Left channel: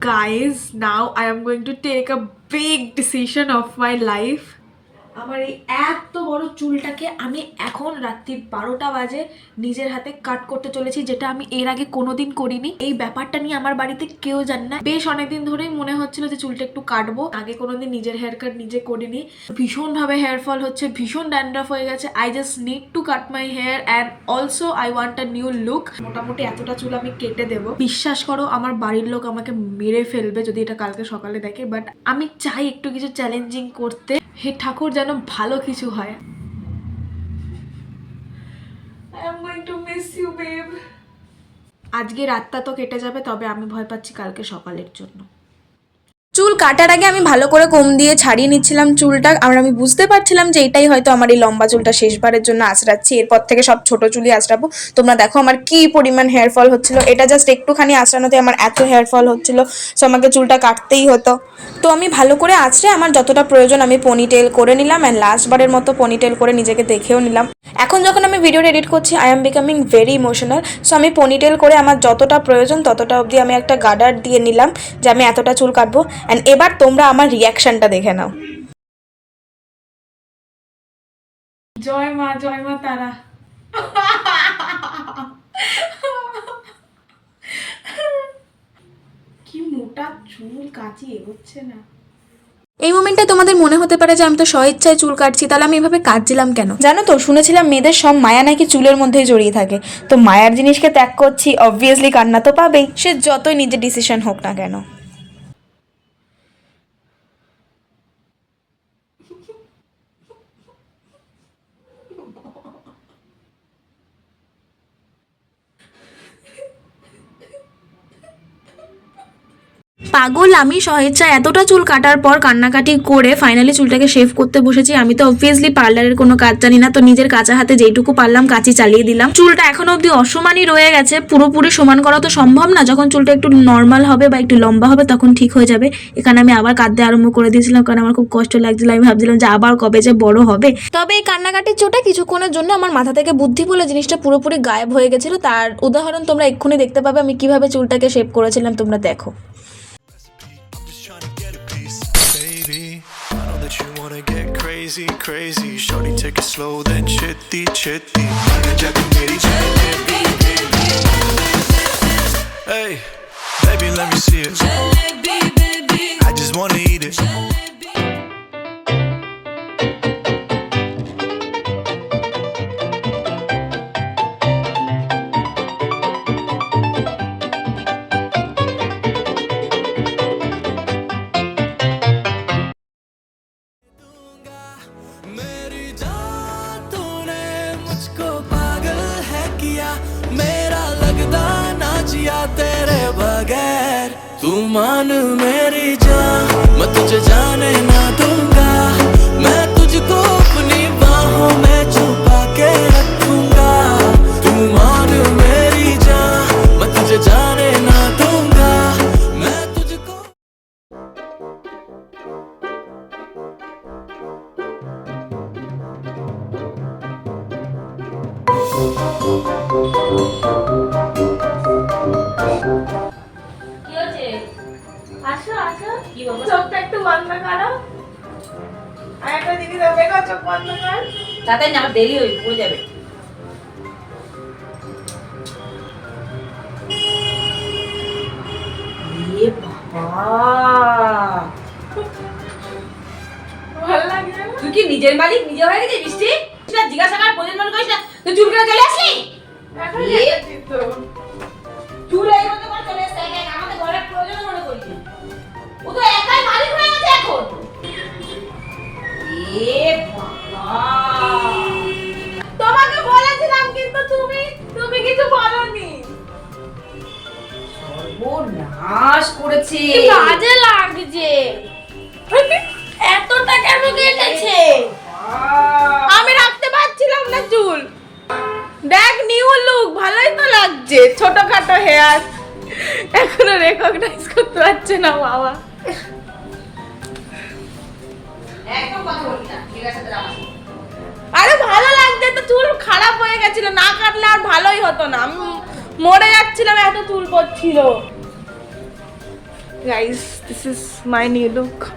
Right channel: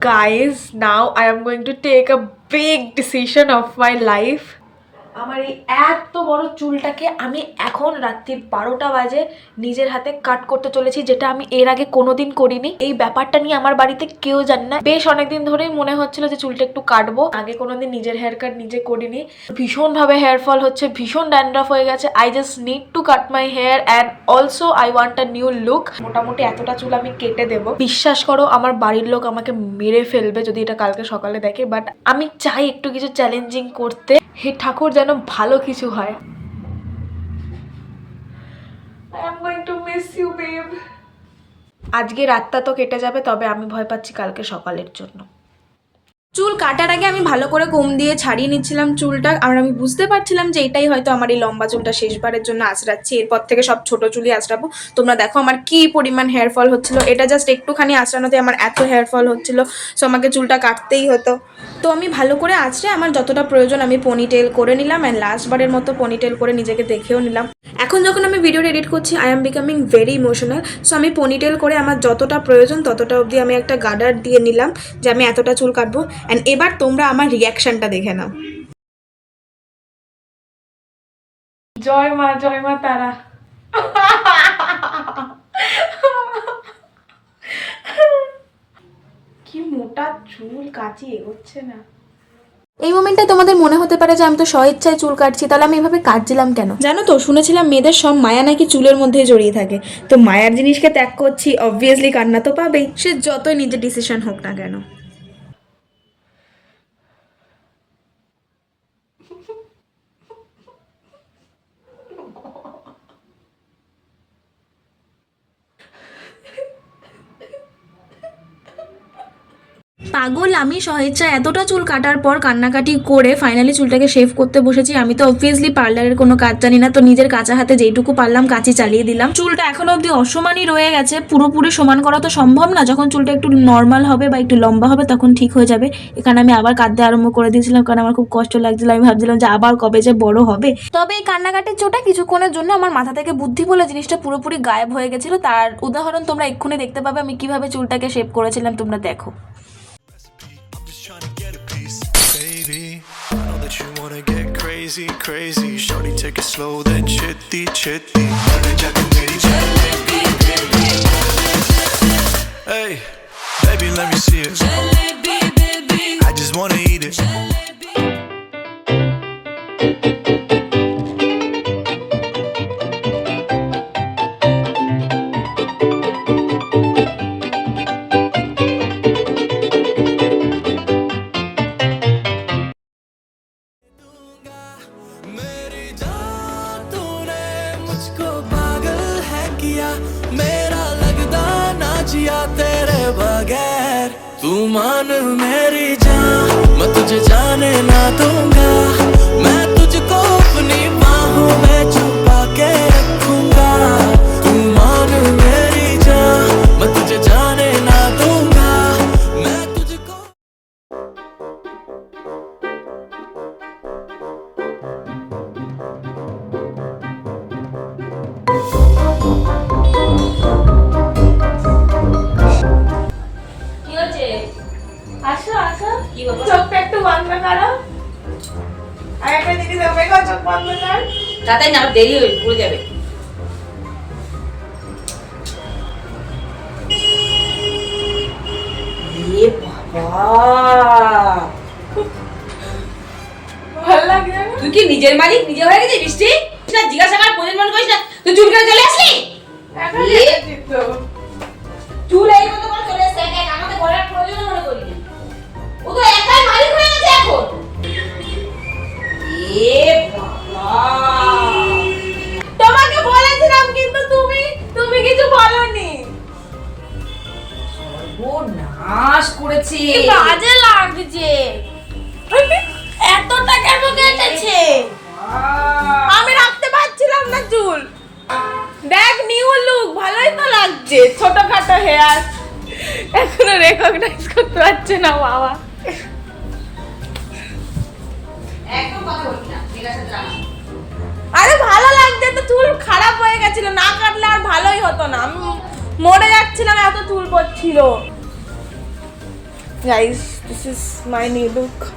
Guys, now I am going to take a big decision of my life. আমার এই এত বড় চুলটাকে আমি এখন রাত্রি 12টা বাজে নিজের হাতে কাট করতে চলেছি, যেটা আমি এর আগে কোনোদিন করিনি। এই ব্যাপারটা নিয়ে আমার বাড়িতে কেউ জানে না। বেশ অনেকদিন ধরেই মনে হচ্ছিল যে চুলটা একটু কাটবো। আগে কোনোদিন নিজের হেয়ার কাট নিজে করিনি। ভীষণভাবে হেয়ার ফল হচ্ছে, ভীষণ ড্যান্ড্রাফ হয়ে গেছে। I just need to cut my hair and also I want a new look. মোটামুটি এতটা চুল আমি কেটে দেবো। বিশ্বাস করো, আমার বাড়ির লোক আমাকে মেরে ফেলবে যদি এটা কালকে সকালে দেখে, বাট আমি চাই একটু কিছু চ্যালেঞ্জিং করতে। হে ঠাকুর, যেন ভালো কিছু হয়। I am going to miss you, babe. আজকে রাতটা তো কেটে যাবে, তবে আমি ভয় পাচ্ছি কালকে সকালের জন্য। চুল কাটার আগে আমি ভালো করে কম দিয়ে ছাড়িয়ে নিচ্ছিলাম চুলটা, আর আমি বুঝতে পারছিলাম যে এটাই হয়তো আমার এই লম্বা চুলটা শেষবারের জন্য আঁচড়াচ্ছি। এরপর থেকে সব ছোট চুলই আঁচড়াবো। তোমরা দেখো আমার কি পরিমাণ হেয়ার ফল হচ্ছিল। এটা জাস্ট একটুখানি আঁচড়ানোতে আমার এত হেয়ার ফল হচ্ছিল, সো আমাকে চুলটা কাটতেই হতো। তো আমি ভালো করে আঁচড়ে আমার যতটা প্রয়োজন আমি পনিটেল করে নিলাম, অ্যান্ড লাস্টবারের মতো পনিটেল করে নিজেকে দেখেও নিলাম। এখন যখন আমি ভিডিওটা এডিট করছি I am becoming very emotional. So আমি পনিটেল করে আমার যতটা প্রয়োজন ততটা অবধি আমি একটা গার্ডার দিয়ে নিলাম যে আমি এতটা চুল কাটবো। অ্যান্ড এবার তোমরা আমার রিয়াকশনটা দেখে নাও। জয় মা তারা। কি মোটা চুল, কাচি এগোচ্ছে না। এই মোমেন্টে তোমাদের মনে হতে পারে যে আমি তো স্বইচ্ছায় চুল কাটছি, তাহলে আমি এভাবে কাটছিলাম কেন? জানো তো, শুনেছিলাম মেয়েদের সব মায়া নাকি চুলের মধ্যেই জড়িয়ে থাকে। তো মায়ার জিনিসকে ত্যাগ করছি, অবভিয়াসলি কান্না তো পাবেই, সে যতই নিজের ডিসিশন হোক না কেন। পাগল আমি স্বেচ্ছা এতটা চুল কাটার পর কান্নাকাটি করে ফাইনালি চুলটাকে শেভ করতে বসেছি। আমি তো অবভিয়াসলি পার্লারের কোনো কাজ জানি না, তো নিজের কাঁচা হাতে যেইটুকু পারলাম কাঁচি চালিয়ে দিলাম। চুলটা এখনো অব্দি অসমানই রয়ে গেছে, পুরোপুরি সমান করা তো সম্ভব না। যখন চুলটা একটু নর্মাল হবে বা একটু লম্বা হবে তখন ঠিক হয়ে যাবে। এখানে আমি আবার কাঁদতে আরম্ভ করে দিয়েছিলাম, কারণ আমার খুব কষ্ট লাগছিল। আমি ভাবছিলাম যে আবার কবে যে বড় হবে। তবে এই কান্নাকাটির চোটা কিছুক্ষণের জন্য আমার মাথা থেকে বুদ্ধি বলে জিনিসটা পুরোপুরি গায়েব হয়ে গেছিল। তার উদাহরণ তোমরা এক্ষুনি দেখতে পাবে আমি কিভাবে চুলটাকে শেভ করেছিলাম, তোমরা দেখো। I know that you wanna get crazy, crazy. Shorty, take it slow, then chitty, chitty. Hey, baby, let me see it. I just wanna eat it. मेरा लगदा ना जिया तेरे बगैर, तू मान मेरी जान, मैं तुझे जाने ना दूंगा, मैं तुझको अपनी बाहों में छुपा के रखूंगा, तू मान मेरी जान, मैं तुझे जाने ना दूंगा, मैं तुझको। চোখটা একটু বন্ধ করো, আর একটা জিনিস দেখবে, চোখ বন্ধ কর। তাতে না দেরি হয়ে পড়ে যাবে। এ বাবা, ভালো লাগে না? তুই কি নিজের মালিক নিজে হয়ে গেছিস বৃষ্টি? না জিজ্ঞাসা কর, প্রয়োজন করিস না, তুই চুল কেটে চলে আসলি? এখন এ? দেখেছি তো। চুল এই মতো করে চলে এসে আমাদের ঘরের প্রয়োজন মনে করি না। ও তো একাই মালিক হয়ে গেছে এখন। এ বাবা, তোমাকে বলেছিলাম কিন্তু তুমি কিছু বলনি। সর্বনাশ করেছে। কি বাজে লাগছে, এতটা কেন কেটেছে? আমি রাখতে পারছিলাম না চুল। দেখ, নিউ লুক, ভালোই তো লাগছে। ছোটখাটো হেয়ার, এখনো রেকগনাইজ করতে পারছে না বাবা। একদম কথা বলবি না, ঠিক আছে তোরা? আরে ভালো লাগছে তো, চুল খারাপ হয়ে গেছিল, না কাটলে আর ভালোই হতো না। আমি মরে যাচ্ছিলাম, এত চুল পড়ছিল। Guys, this is my new look.